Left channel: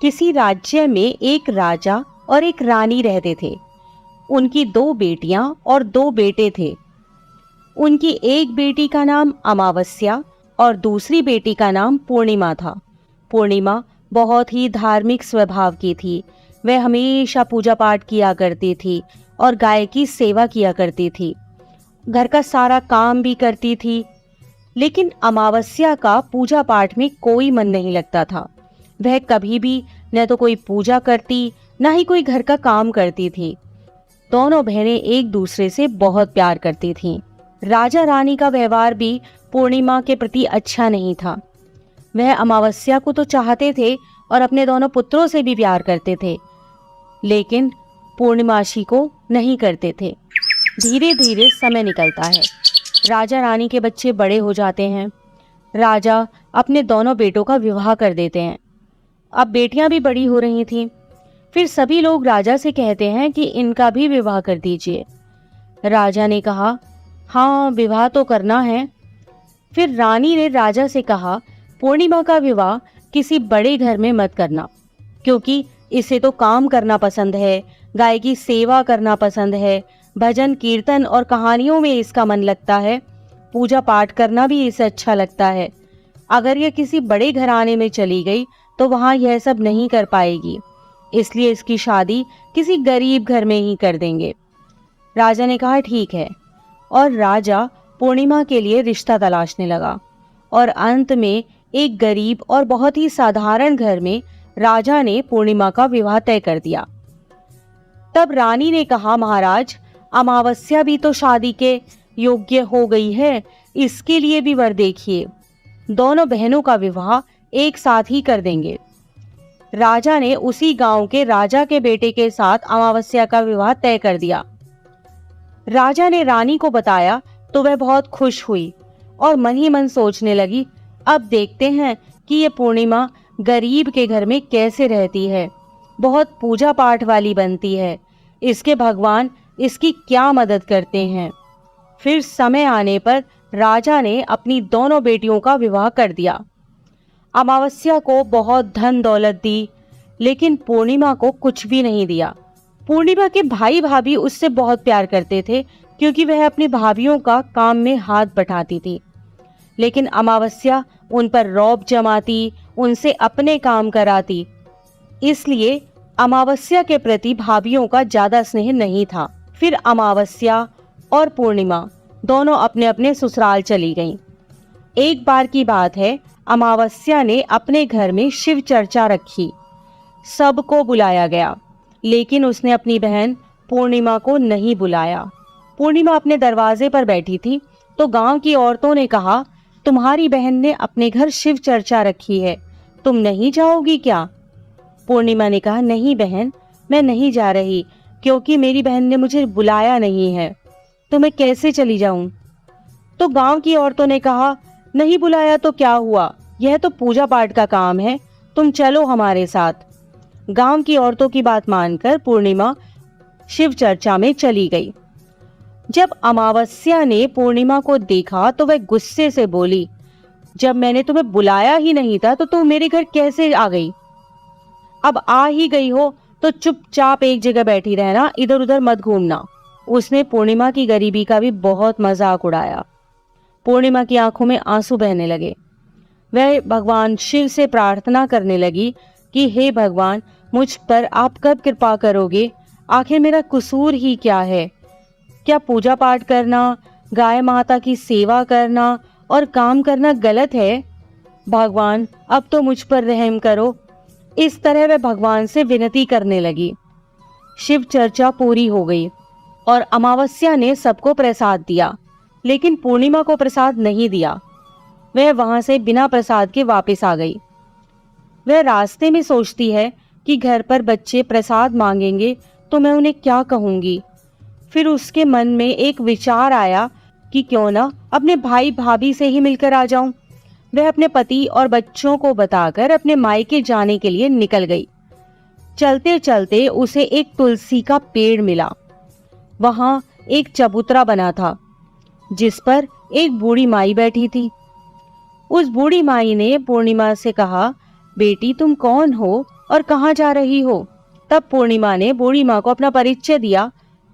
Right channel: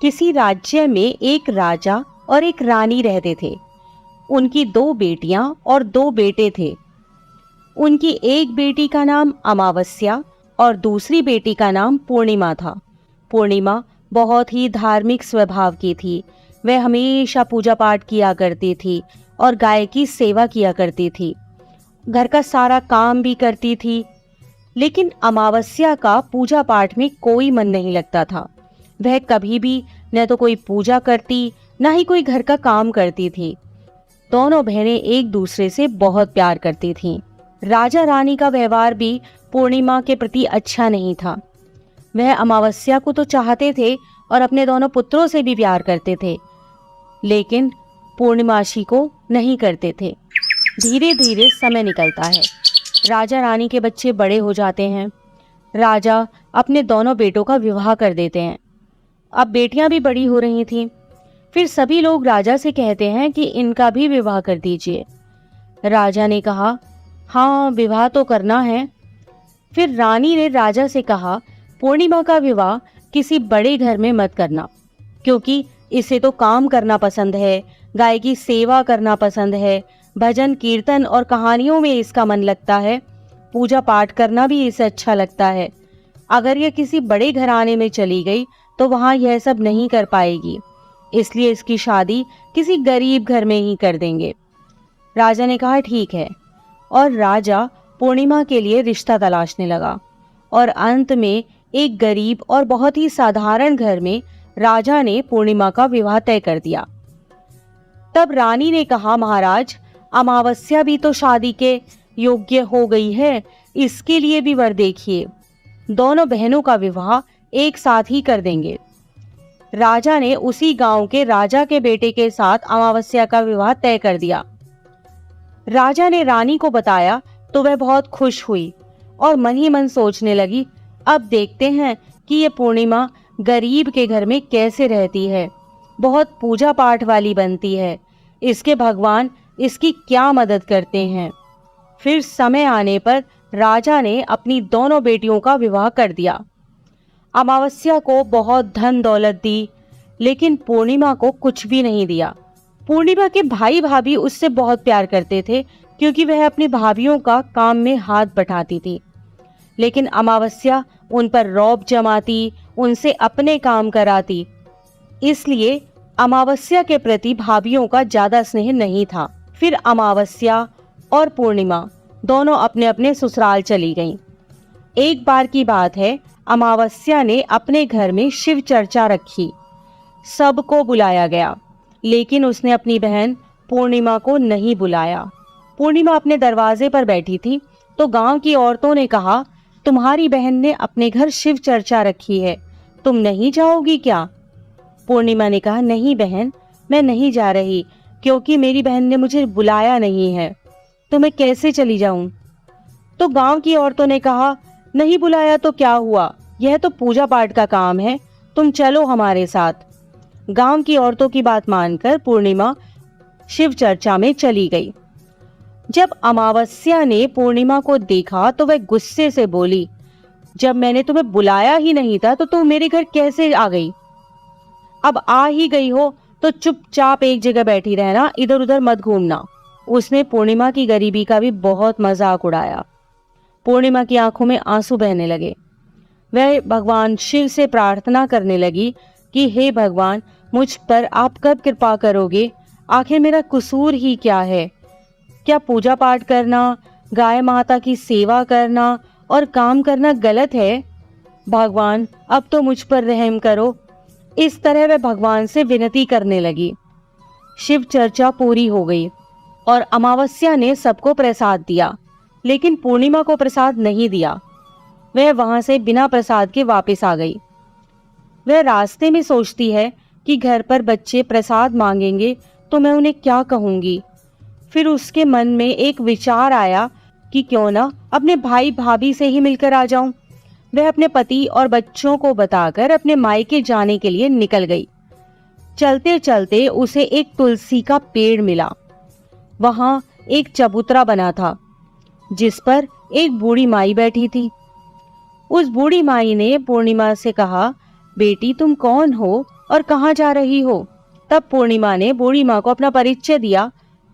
किसी राज्य में एक राजा और एक रानी रहते थे। उनकी 2 बेटियां और 2 बेटे थे। उनकी एक बेटी का नाम अमावस्या और दूसरी बेटी का नाम पूर्णिमा था। पूर्णिमा बहुत ही धार्मिक स्वभाव की थी। वह हमेशा पूजा पाठ किया करती थी और गाय की सेवा किया करती थी। घर का सारा काम भी करती थी। लेकिन अमावस्या का पूजा पाठ में कोई मन नहीं लगता था। वह कभी भी न तो कोई पूजा करती, न ही कोई घर का काम करती थी। दोनों बहनें एक दूसरे से बहुत प्यार करती थीं। राजा रानी का व्यवहार भी पूर्णिमा के प्रति अच्छा नहीं था। वह अमावस्या को तो चाहते थे और अपने दोनों पुत्रों से भी प्यार करते थे, लेकिन पूर्णिमासी को नहीं करते थे। धीरे धीरे समय निकलता है। राजा रानी के बच्चे बड़े हो जाते हैं। राजा अपने दोनों बेटों का विवाह कर देते हैं। अब बेटियां भी बड़ी हो रही थीं। फिर सभी लोग राजा से कहते हैं कि इनका भी विवाह कर दीजिए। राजा ने कहा, हाँ, विवाह तो करना है। फिर रानी ने राजा से कहा, पूर्णिमा का विवाह किसी बड़े घर में मत करना, क्योंकि इसे तो काम करना पसंद है, गाय की सेवा करना पसंद है, भजन कीर्तन और कहानियों में इसका मन लगता है, पूजा पाठ करना भी इसे अच्छा लगता है। अगर यह किसी बड़े घराने में चली गई तो वहां यह सब नहीं कर पाएगी, इसलिए इसकी शादी किसी गरीब घर में ही कर देंगे। राजा ने कहा, ठीक है। और राजा पूर्णिमा के लिए रिश्ता तलाशने लगा और अंत में एक गरीब और बहुत ही साधारण घर में राजा ने पूर्णिमा का विवाह तय कर दिया। तब रानी ने कहा, महाराज, अमावस्या भी तो शादी के योग्य हो गई है, इसके लिए भी वर देखिए। दोनों बहनों का विवाह एक साथ ही कर देंगे। राजा ने उसी गांव के राजा के बेटे के साथ अमावस्या का विवाह तय कर दिया। राजा ने रानी को बताया तो वह बहुत खुश हुई और मन ही मन सोचने लगी, अब देखते हैं कि ये पूर्णिमा गरीब के घर में कैसे रहती है, बहुत पूजा पाठ वाली बनती है, इसके भगवान इसकी क्या मदद करते हैं। फिर समय आने पर राजा ने अपनी दोनों बेटियों का विवाह कर दिया। अमावस्या को बहुत धन दौलत दी, लेकिन पूर्णिमा को कुछ भी नहीं दिया। पूर्णिमा के भाई भाभी उससे बहुत प्यार करते थे, क्योंकि वह अपनी भाभियों का काम में हाथ बटाती थी। लेकिन अमावस्या उन पर रौब जमाती, उनसे अपने काम कराती, इसलिए अमावस्या के प्रति भाभियों का ज्यादा स्नेह नहीं था। फिर अमावस्या और पूर्णिमा दोनों अपने अपने ससुराल चली गईं। एक बार की बात है, अमावस्या ने अपने घर में शिव चर्चा रखी। सबको बुलाया गया, लेकिन उसने अपनी बहन पूर्णिमा को नहीं बुलाया। पूर्णिमा अपने दरवाजे पर बैठी थी तो गांव की औरतों ने कहा, तुम्हारी बहन ने अपने घर शिव चर्चा रखी है, तुम नहीं जाओगी क्या? पूर्णिमा ने कहा, नहीं बहन, मैं नहीं जा रही, क्योंकि मेरी बहन ने मुझे बुलाया नहीं है, तो मैं कैसे चली जाऊं? तो गांव की औरतों ने कहा, नहीं बुलाया तो क्या हुआ, यह तो पूजा पाठ का काम है, तुम चलो हमारे साथ। गांव की औरतों की बात मानकर पूर्णिमा शिव चर्चा में चली गई। जब अमावस्या ने पूर्णिमा को देखा तो वह गुस्से से बोली, जब मैंने तुम्हें बुलाया ही नहीं था तो तुम मेरे घर कैसे आ गई? अब आ ही गई हो तो चुपचाप एक जगह बैठी रहना, इधर उधर मत घूमना। उसने पूर्णिमा की गरीबी का भी बहुत मजाक उड़ाया। पूर्णिमा की आंखों में आंसू बहने लगे। वह भगवान शिव से प्रार्थना करने लगी कि हे भगवान, मुझ पर आप कब कृपा करोगे? आखिर मेरा कसूर ही क्या है? क्या पूजा पाठ करना, गाय माता की सेवा करना और काम करना गलत है? भगवान, अब तो मुझ पर रहम करो। इस तरह वह भगवान से विनती करने लगी। शिव चर्चा पूरी हो गई और अमावस्या ने सबको प्रसाद दिया, लेकिन पूर्णिमा को प्रसाद नहीं दिया। वह वहां से बिना प्रसाद के वापस आ गई। वह रास्ते में सोचती है कि घर पर बच्चे प्रसाद मांगेंगे तो मैं उन्हें क्या कहूंगी। फिर उसके मन में एक विचार आया कि क्यों ना अपने भाई भाभी से ही मिलकर आ जाऊं। वह अपने पति और बच्चों को बताकर अपने मायके जाने के लिए निकल गई। चलते चलते उसे एक तुलसी का पेड़ मिला। वहां एक चबूतरा बना था, जिस पर एक बूढ़ी माई बैठी थी। उस बूढ़ी माई ने पूर्णिमा से कहा, बेटी तुम कौन हो और कहाँ जा रही हो? तब पूर्णिमा ने बूढ़ी माँ को अपना परिचय दिया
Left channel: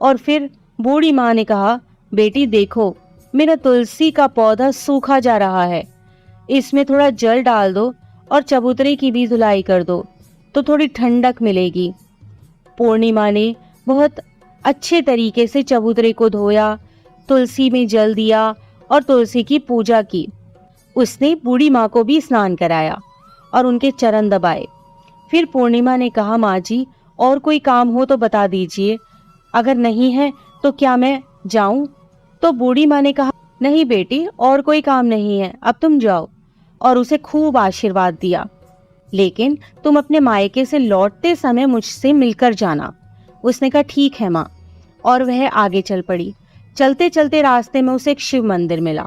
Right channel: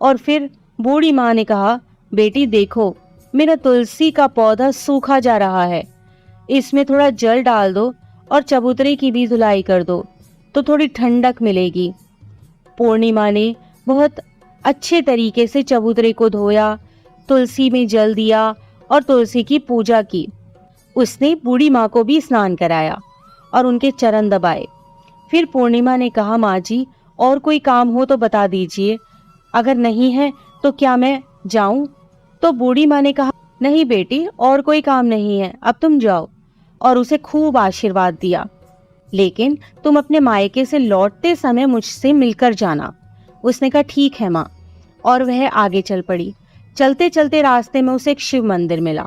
और फिर बूढ़ी माँ ने कहा, बेटी देखो, मेरा तुलसी का पौधा सूखा जा रहा है, इसमें थोड़ा जल डाल दो और चबूतरे की भी धुलाई कर दो तो थोड़ी ठंडक मिलेगी। पूर्णिमा ने बहुत अच्छे तरीके से चबूतरे को धोया, तुलसी में जल दिया और तुलसी की पूजा की। उसने बूढ़ी माँ को भी स्नान कराया और उनके चरण दबाए। फिर पूर्णिमा ने कहा, माँ जी, और कोई काम हो तो बता दीजिए, अगर नहीं है तो क्या मैं जाऊं? तो बूढ़ी माँ ने कहा, नहीं बेटी, और कोई काम नहीं है, अब तुम जाओ। और उसे खूब आशीर्वाद दिया, लेकिन तुम अपने मायके से लौटते समय मुझसे मिलकर जाना। उसने कहा, ठीक है माँ। और वह आगे चल पड़ी। चलते चलते रास्ते में उसे एक शिव मंदिर मिला।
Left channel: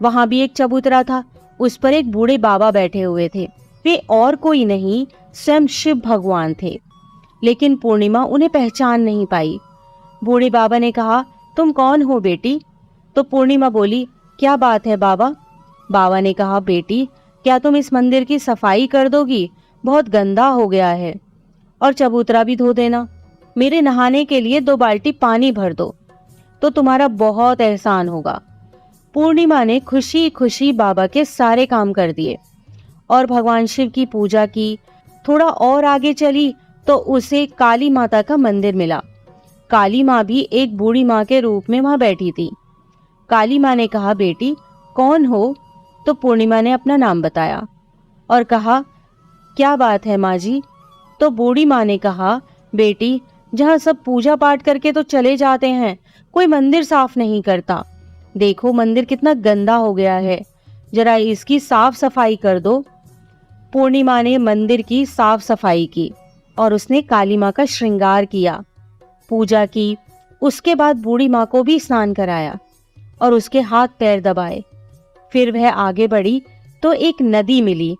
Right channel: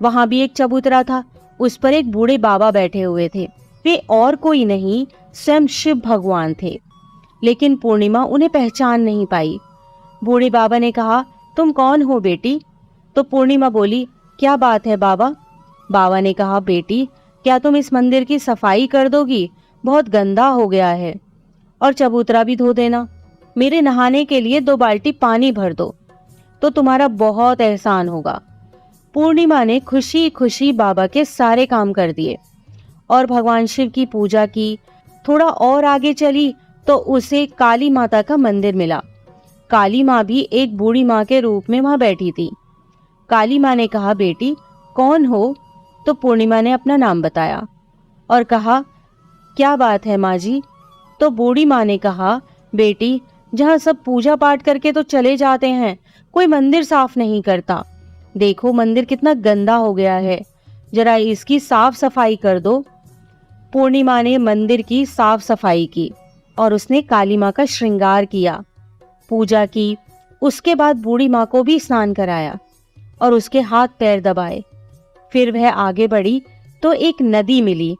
वहां भी एक चबूतरा था, उस पर एक बूढ़े बाबा बैठे हुए थे। वे और कोई नहीं, स्वयं शिव भगवान थे। लेकिन पूर्णिमा उन्हें पहचान नहीं पाई। बूढ़े बाबा ने कहा, तुम कौन हो बेटी? तो पूर्णिमा बोली, क्या बात है बाबा? बाबा ने कहा, बेटी, क्या तुम इस मंदिर की सफाई कर दोगी? बहुत गंदा हो गया है। और चबूतरा भी धो देना। मेरे नहाने के लिए 2 बाल्टी पानी भर दो, तो तुम्हारा बहुत एहसान होगा। पूर्णिमा ने खुशी खुशी बाबा के सारे काम कर दिए और भगवान शिव की पूजा की। थोड़ा और आगे चली तो उसे काली माता का मंदिर मिला। काली माँ भी एक बूढ़ी माँ के रूप में वहां बैठी थी। काली माँ ने कहा, बेटी कौन हो? तो पूर्णिमा ने अपना नाम बताया और कहा, क्या बात है माँ जी? तो बूढ़ी माँ ने कहा, बेटी, जहाँ सब पूजा पाठ करके तो चले जाते हैं, कोई मंदिर साफ नहीं करता। देखो मंदिर कितना गंदा हो गया है, जरा इसकी साफ सफाई कर दो। पूर्णिमा ने मंदिर की साफ सफाई की और उसने काली माँ का श्रृंगार किया, पूजा की। उसके बाद बूढ़ी माँ को भी स्नान कराया और उसके हाथ पैर दबाए। फिर वह आगे बढ़ी तो एक नदी मिली।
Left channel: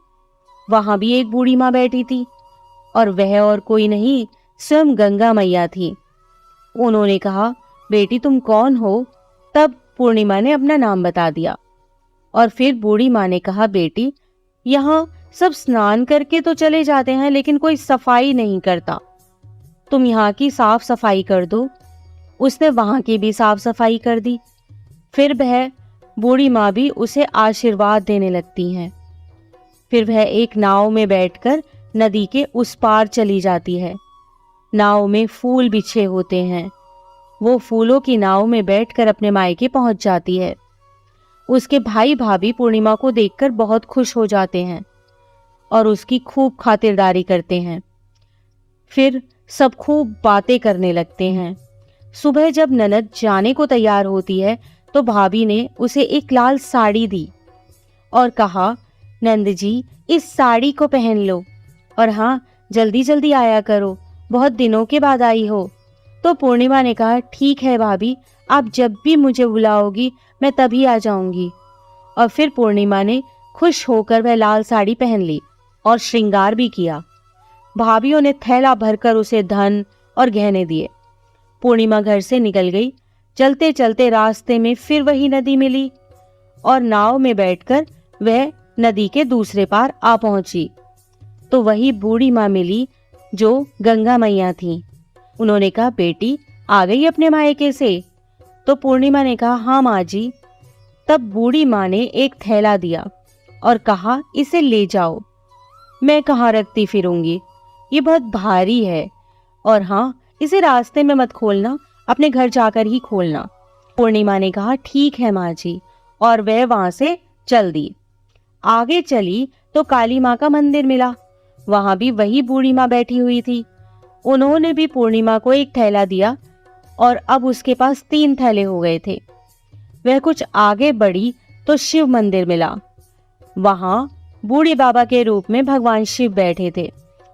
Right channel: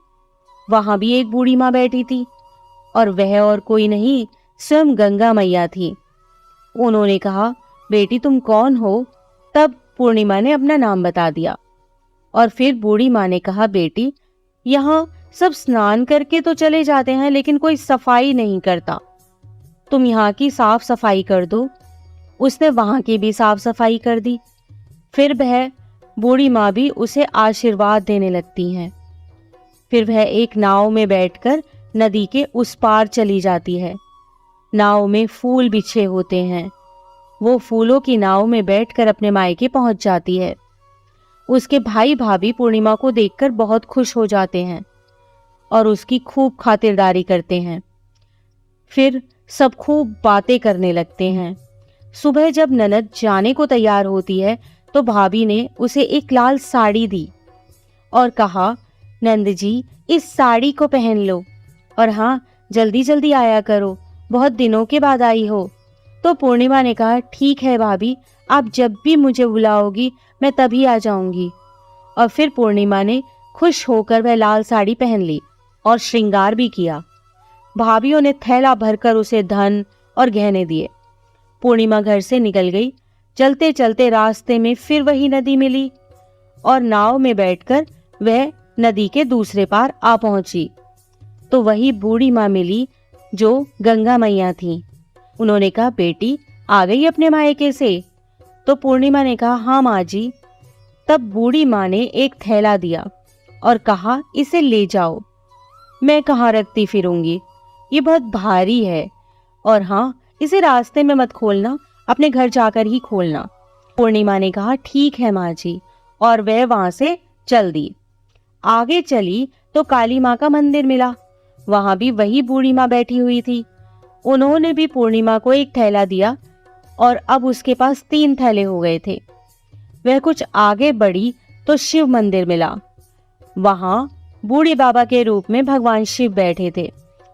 वहां भी एक बूढ़ी माँ बैठी थी और वह और कोई नहीं, स्वयं गंगा मैया थी। उन्होंने कहा, बेटी तुम कौन हो? तब पूर्णिमा ने अपना नाम बता दिया और फिर बूढ़ी माँ ने कहा, बेटी, यहाँ सब स्नान करके तो चले जाते हैं, लेकिन कोई सफाई नहीं करता। तुम यहाँ की साफ सफाई कर दो। उसने वहां की भी साफ सफाई कर दी। फिर वह बूढ़ी माँ भी उसे आशीर्वाद देने लगती है। फिर वह एक नाव में बैठकर नदी के उस पार चली जाती है। नाव में फूल बिछे होते हैं। वो फूलों की नाव में बैठकर अपने मायके पहुंच जाती है। उसके भाई भाभी पूर्णिमा को देखकर बहुत खुश हो जाते हैं और उसकी खूब खातिरदारी करते हैं। फिर सब खूब बातें करने लगते हैं। सुबह जब ननद जाने को तैयार होती है तो भाभी ने उसे एक लाल साड़ी दी और कहा, नंद जी, इस साड़ी को पहन लो और हाँ, जल्दी जल्दी आया करो, बहुत दिनों के बाद आई हो। तो पूर्णिमा ने कहा, ठीक है भाभी, आप जब भी मुझे बुलाओगी मैं तभी आ जाऊंगी। और फिर पूर्णिमा ने खुश होकर वह लाल साड़ी पहन ली और श्रृंगार भी किया। भाभीयों ने थैला भरकर उसे धन और गहने दिए। पूर्णिमा घर से निकल गई। चलते चलते रास्ते में फिर वही नदी मिली और नाव में बैठकर वह नदी के दूसरे पार आ पहुंची तो वही बूढ़ी माँ मिली जो गंगा मैया थी। उन्होंने कहा, बेटी आ गई अपने मायके से? तो पूर्णिमा ने कहा, हाँ माँ जी। तब बूढ़ी माँ ने एक थैला दिया और कहा, इसे ले जाओ। मैं कहाँ रखती फिरूंगी, ये बहुत भारी है, और हाँ, इसे रास्ते में मत खोलना, अपने घर जाकर ही खोलना। पूर्णिमा ने कहा, ठीक है माँ जी, और वह वहां से चल दी। आगे चली तो काली माँ का मंदिर मिला। वहां भी वही बूढ़ी माँ बैठी हुई थी। उन्होंने भी पूर्णिमा को एक थैला दिया और अब उसके पास 3 थैले हो गए थे। वह कुछ आगे बढ़ी तो शिव मंदिर मिला। वहां बूढ़े बाबा के रूप में भगवान शिव बैठे थे।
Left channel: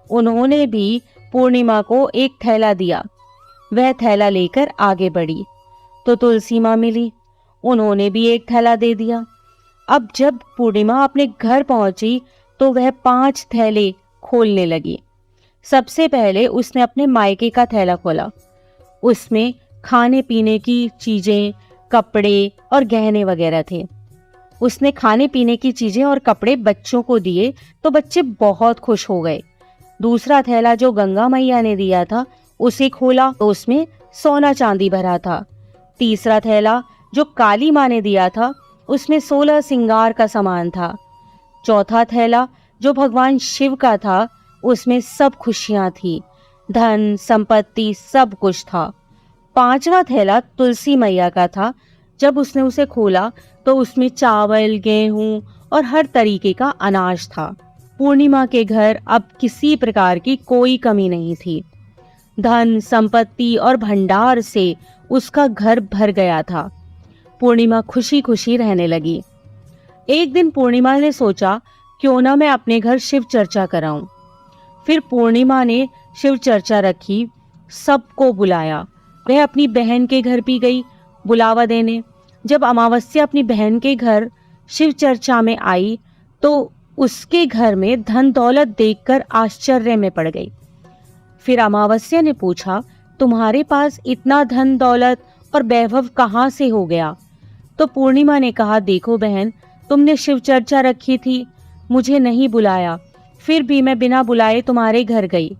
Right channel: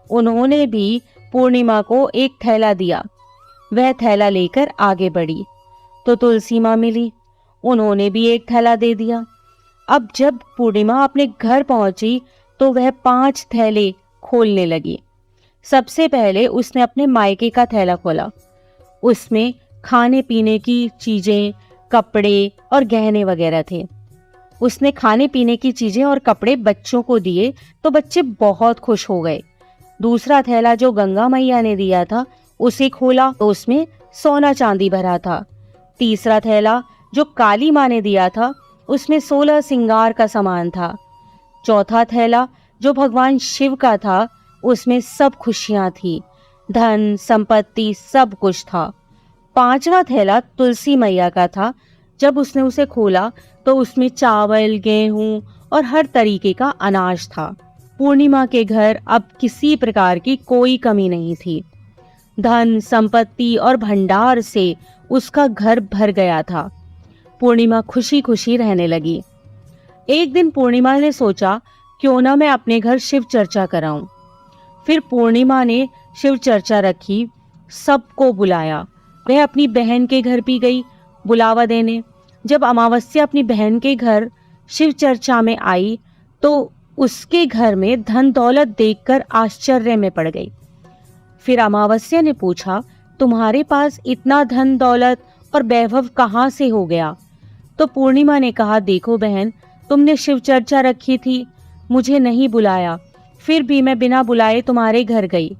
उन्होंने भी पूर्णिमा को एक थैला दिया। वह थैला लेकर आगे बढ़ी तो तुलसी माँ मिली। उन्होंने भी एक थैला दे दिया। अब जब पूर्णिमा अपने घर पहुंची तो वह 5 थैले खोलने लगी। सबसे पहले उसने अपने मायके का थैला खोला। उसमें खाने पीने की चीजें, कपड़े और गहने वगैरह थे। उसने खाने पीने की चीजें और कपड़े बच्चों को दिए तो बच्चे बहुत खुश हो गए। दूसरा थैला जो गंगा मैया ने दिया था उसे खोला तो उसमें सोना चांदी भरा था। तीसरा थैला जो काली माँ ने दिया था उसमें 16 सिंगार का सामान था। चौथा थैला जो भगवान शिव का था उसमें सब खुशियां थी, धन संपत्ति सब कुछ था। पांचवा थैला तुलसी मैया का था। जब उसने उसे खोला तो उसमें चावल, गेहूं और हर तरीके का अनाज था। पूर्णिमा के घर अब किसी प्रकार की कोई कमी नहीं थी। धन संपत्ति और भंडार से उसका घर भर गया था। पूर्णिमा खुशी खुशी रहने लगी। एक दिन पूर्णिमा ने सोचा क्यों ना मैं अपने घर शिव चर्चा कराऊं। फिर पूर्णिमा ने शिव चर्चा रखी, सबको बुलाया। वह अपनी बहन के घर भी गई बुलावा देने। जब अमावस्या अपनी बहन के घर शिव चर्चा में आई तो उसके घर में धन दौलत देखकर आश्चर्य में पड़ गई। फिर अमावस्या ने पूछा, तुम्हारे पास इतना धन दौलत और वैभव कहाँ से हो गया? तो पूर्णिमा ने कहा, देखो बहन, तुमने शिव चर्चा रखी थी, मुझे नहीं बुलाया, फिर भी मैं बिना बुलाए तुम्हारे घर गई,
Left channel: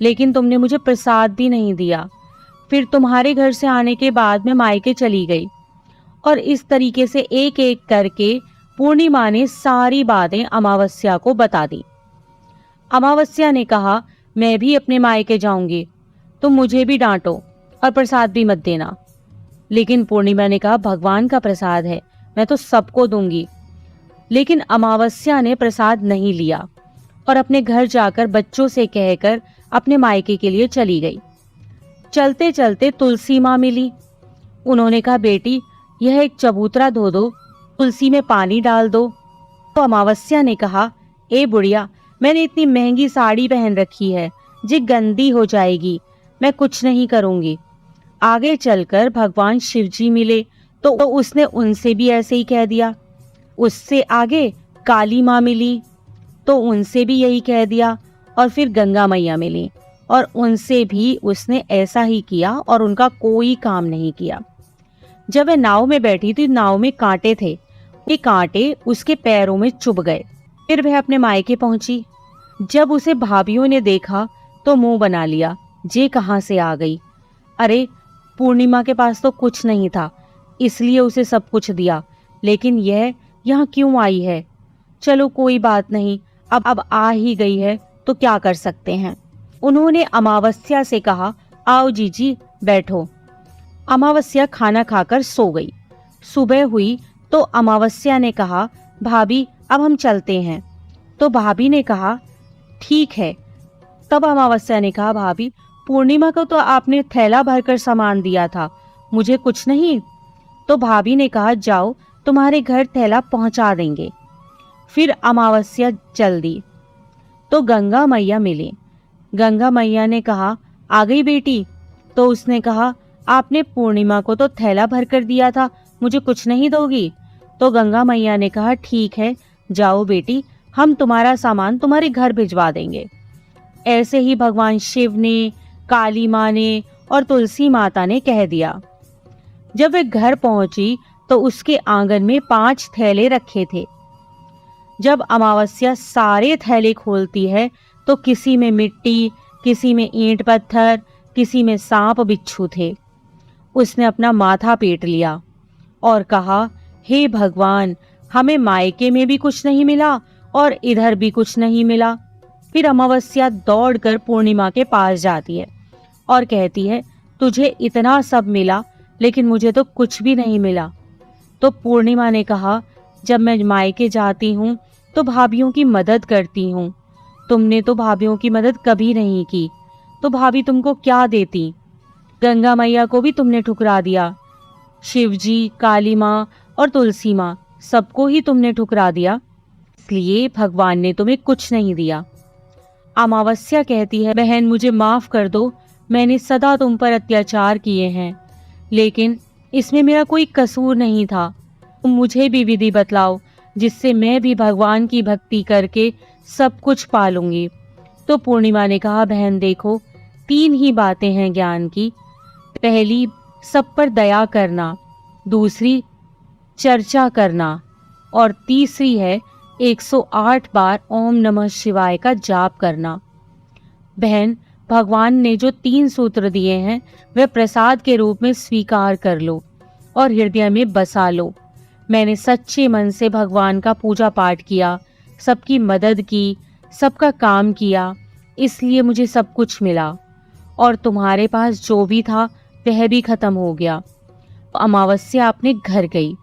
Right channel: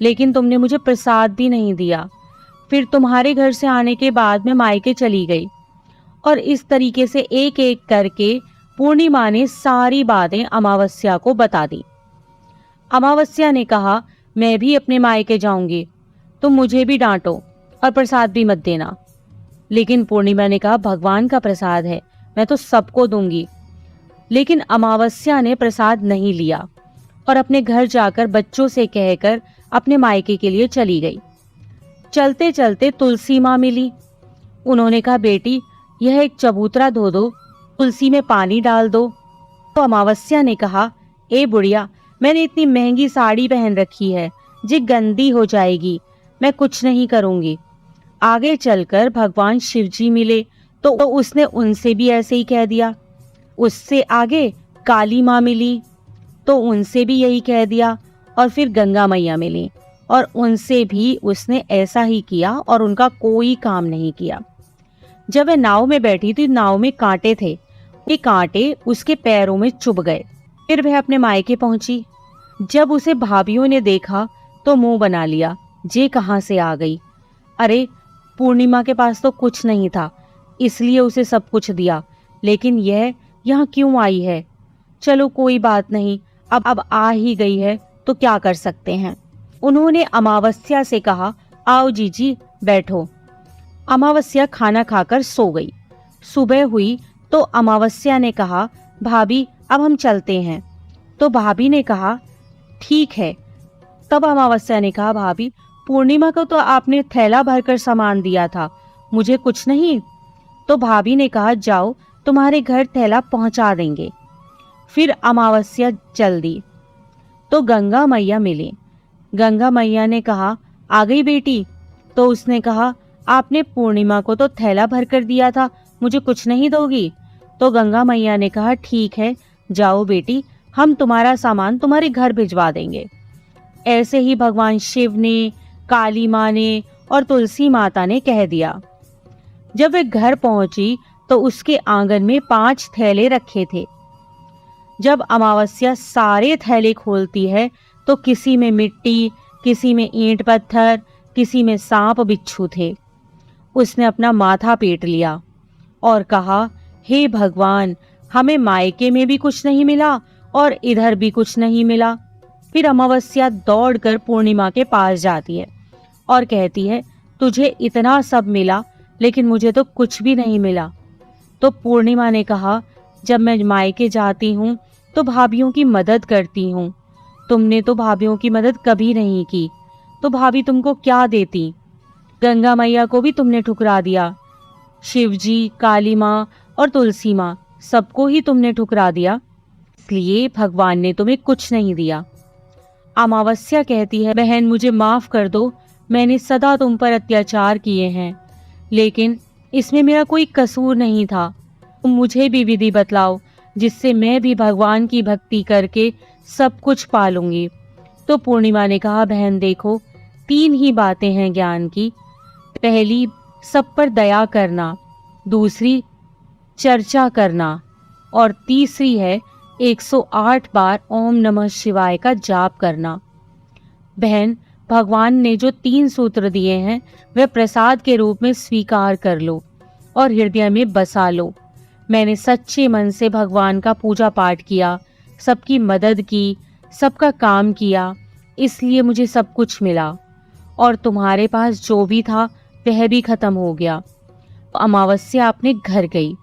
लेकिन तुमने मुझे प्रसाद भी नहीं दिया। फिर तुम्हारे घर से आने के बाद मैं मायके चली गई। और इस तरीके से एक एक करके पूर्णिमा ने सारी बातें अमावस्या को बता दी। अमावस्या ने कहा, मैं भी अपने मायके जाऊंगी, तुम मुझे भी डांटो और प्रसाद भी मत देना। लेकिन पूर्णिमा ने कहा, भगवान का प्रसाद है, मैं तो सबको दूंगी। लेकिन अमावस्या ने प्रसाद नहीं लिया और अपने घर जाकर बच्चों से कहकर अपने मायके के लिए चली गई। चलते चलते तुलसी माँ मिली। उन्होंने कहा, बेटी, यह एक चबूतरा धो दो, तुलसी में पानी डाल दो। तो अमावस्या ने कहा, ए बुढ़िया, मैंने इतनी महंगी साड़ी पहन रखी है, जी गंदी हो जाएगी, मैं कुछ नहीं करूंगी। आगे चलकर भगवान शिवजी मिले तो उसने उनसे भी ऐसे ही कह दिया। उससे आगे काली माँ मिली तो उनसे भी यही कह दिया। और फिर गंगा मैया मिली और उनसे भी उसने ऐसा ही किया और उनका कोई काम नहीं किया। जब वह नाव में बैठी थी, नाव में कांटे थे, ये कांटे उसके पैरों में चुभ गए। फिर वह अपने मायके पहुंची। जब उसे भाभीियों ने देखा तो मुंह बना लिया, जे कहां से आ गई? अरे, पूर्णिमा के पास तो कुछ नहीं था, इसलिए उसे सब कुछ दिया, लेकिन यह यहाँ क्यों आई है? चलो कोई बात नहीं, अब आ ही गई है तो क्या कर सकते हैं। उन्होंने अमावस्या से कहा, आओ जीजी बैठो। अमावस्या खाना खाकर सो गई। सुबह हुई तो अमावस्या ने कहा, भाभी अब हम चलते हैं। तो भाभी ने कहा, ठीक है। तब अमावस्या ने कहा, भाभी, पूर्णिमा को तो आपने थैला भरकर सामान दिया था, मुझे कुछ नहीं? तो भाभी ने कहा, जाओ, तुम्हारे घर थैला पहुंचा देंगे। फिर अमावस्या चल दी तो गंगा मैया मिली। गंगा मैया ने कहा, आ गई बेटी? तो उसने कहा, आपने पूर्णिमा को तो थैला भरकर दिया था, मुझे कुछ नहीं दोगी? तो गंगा मैया ने कहा, ठीक है, जाओ बेटी, हम तुम्हारा सामान तुम्हारे घर भिजवा देंगे। ऐसे ही भगवान शिव ने, काली माँ ने और तुलसी माता ने कह दिया। जब वे घर पहुंची तो उसके आंगन में 5 थैले रखे थे। जब अमावस्या सारे थैले खोलती है तो किसी में मिट्टी, किसी में ईंट पत्थर, किसी में सांप बिच्छू थे। उसने अपना माथा पीट लिया और कहा, हे भगवान, हमें मायके में भी कुछ नहीं मिला और इधर भी कुछ नहीं मिला। फिर अमावस्या दौड़कर पूर्णिमा के पास जाती है और कहती है, तुझे इतना सब मिला लेकिन मुझे तो कुछ भी नहीं मिला। तो पूर्णिमा ने कहा, जब मैं मायके जाती हूँ तो भाभीियों की मदद करती हूँ, तुमने तो भाभीियों की मदद कभी नहीं की, तो भाभी तुमको क्या देती? गंगा मैया को भी तुमने ठुकरा दिया, शिवजी, काली माँ और तुलसी माँ, सबको ही तुमने ठुकरा दिया, इसलिए भगवान ने तुम्हें कुछ नहीं दिया। अमावस्या कहती है, बहन मुझे माफ कर दो, मैंने सदा तुम पर अत्याचार किए हैं, लेकिन इसमें मेरा कोई कसूर नहीं था। तुम मुझे भी विधि बतलाओ जिससे मैं भी भगवान की भक्ति करके सब कुछ पालूंगी। तो पूर्णिमा ने कहा, बहन देखो, 3 ही बातें हैं ज्ञान की। पहली, सब पर दया करना, दूसरी चर्चा करना और तीसरी है 108 बार ओम नमः शिवाय का जाप करना। बहन, भगवान ने जो 3 सूत्र दिए हैं वे प्रसाद के रूप में स्वीकार कर लो और हृदय में बसा लो। मैंने सच्चे मन से भगवान का पूजा पाठ किया, सबकी मदद की, सबका काम किया, इसलिए मुझे सब कुछ मिला और तुम्हारे पास जो भी था वह भी खत्म हो गया। अमावस्या अपने घर गई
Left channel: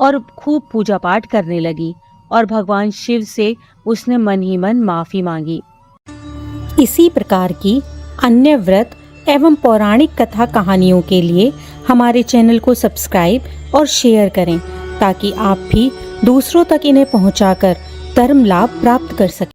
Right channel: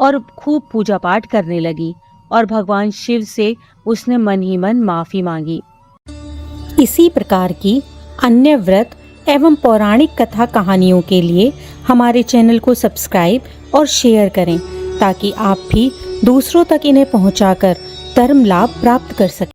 और खूब पूजा पाठ करने लगी और भगवान शिव से उसने मन ही मन माफी मांगी। इसी प्रकार की अन्य व्रत एवं पौराणिक कथा कहानियों के लिए हमारे चैनल को सब्सक्राइब और शेयर करें ताकि आप भी दूसरों तक इन्हें पहुंचाकर धर्म लाभ प्राप्त कर सकें।